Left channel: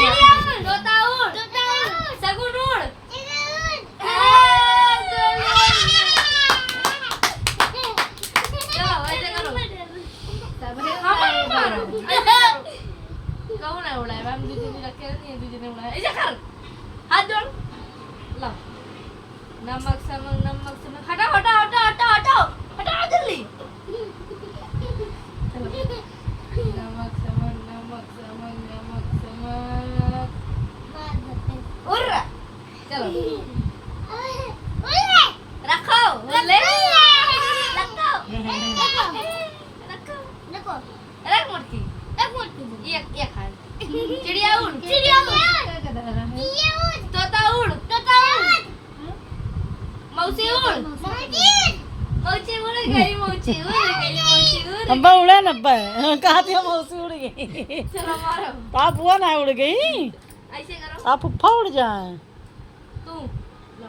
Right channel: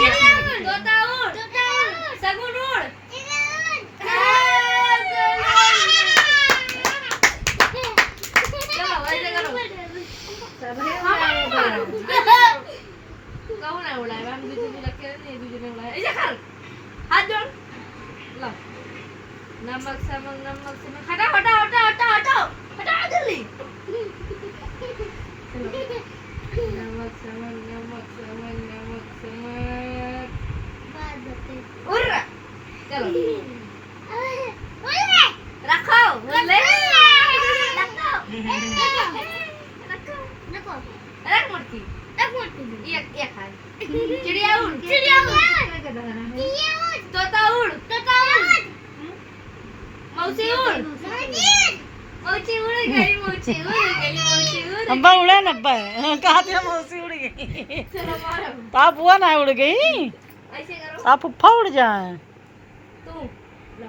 तोता उड़ सगुन उड़ चलो वैसे करो कौन है उड़ाए हम दूसरे ने रखे नहीं दूसरे ने उड़ाया ऐसे कर हाथ जोड़ लो नमक समक हटा हटा हटा हटा हटा हटा जल्दी नमक समक उड़ चलो रखो ले रख मूर्ति एक एक हाथ चिड़िया उड़ तोता उड़ मौसी उड़ मौसी उड़ गई अब्बा उड़ा ना अब्बा कहा थे मौसी उड़ गई चलो मारो आप हुआ ना उड़ गई ऐसे करो आप फुफ्फा उड़ जाए तू लो